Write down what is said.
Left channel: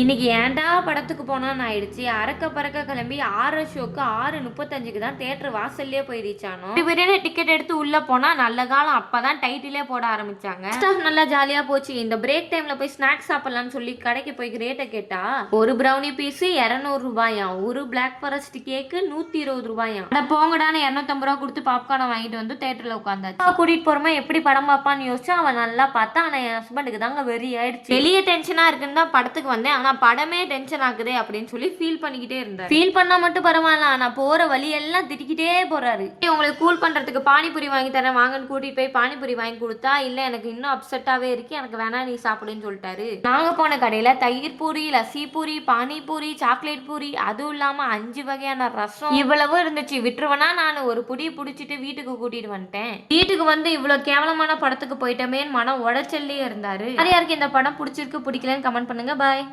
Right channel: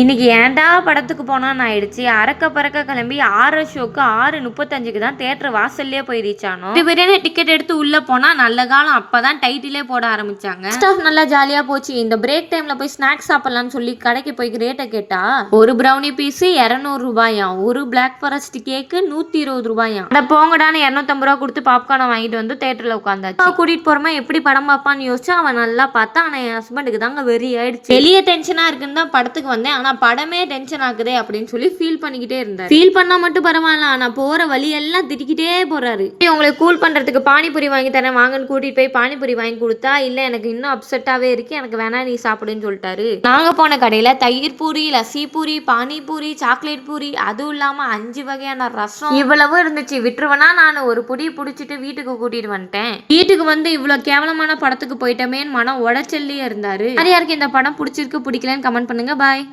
இன்னைக்கு ஏன்டா படத்துக்கு போனான்னு ஆயிடுச்சு. அறக்க பறக்க கிளம்பி 6 ஷோக்கு 6:35க்கு தான் தியேட்டர் வாசல்லே போய் ரீச் ஆனோம். திடீர்னு டிக்கெட் எடுத்து உள்ள போனா நல்ல காலம் அப்பதான் டைட்டிலே போட ஆரம்பிச்சாங்க. ஸ்டாஃப் நல்லா ஜாலியா போச்சு. இந்த பிரேக் டைம்ல போய் ஸ்நாக்ஸ் சாப்பிடலாம்னு சொல்லி கடைக்கு போய் ரேட்டை கேட்டா ஒரு ப்ரௌனி பீஸ் 200 ரூபாயாம், ஒரு பிளாக் ஃபாரஸ்ட் கேக்கு 120 ரூபாயாம். போங்கடான்னு 250 ரூபா கொடுத்து பாப்கார்னை வாங்கிட்டு வந்து தியேட்டர்ல உட்காந்தாச்சு. கூட்டிட்டு போறமா எப்படி படம் பார்ப்பான்னு யோசிச்சு அவன் நல்லா பார்த்தா. ஆனா என் ஹஸ்பண்டுக்கு தாங்க வெறி ஆயிடுச்சு. வெளியே டென்ஷனா இருக்குன்னு தான் படத்துக்கு வந்தேன். ஆனா படமே டென்ஷன் ஆகுதே அப்படின்னு சொல்லி ஃபீல் பண்ணிக்கிட்டே இருந்தாரு. ஃபீல் பண்ணா மட்டும் பரவாயில்ல, ஆனா போற வழி எல்லாம் திட்டிக்கிட்டே போறாரு. உங்களுக்கு கூல் பண்றதுக்கு பானிபூரி வாங்கி தரேன் வாங்கன்னு கூட்டிட்டு போய் பானிபூரி வாங்கி கொடுத்தா, இல்ல எனக்கு இன்னும் அப்செட்டாவே இருக்கு, எனக்கு வேணா நீ சாப்பிடுன்னு சொல்லிட்டாரு. நாங்க போன கடையில தயிர் பூரி, லஸ்ஸி பூரி, பானிபூரி, சாக்லேட் பூரி, அதுவும் இல்லாம 5 வகையான ரசம் இவ்வளவு இருந்துச்சு. விட்டுருவனா நான் ஒரு புடி புடிச்சிட்டு வீட்டுக்கு கூட்டிட்டு வந்துட்டேன். வீட்டுக்கு வந்து இவ்வளவு கேவலமான படத்துக்கு போயிட்டமேன்னு மனம் உடைச்சல்லே இருந்தாரு. யாருக்கு இந்த படம் பிடிச்சிருக்கு பிடிக்கலன்னு கமெண்ட் பண்ணுங்க. பாய்.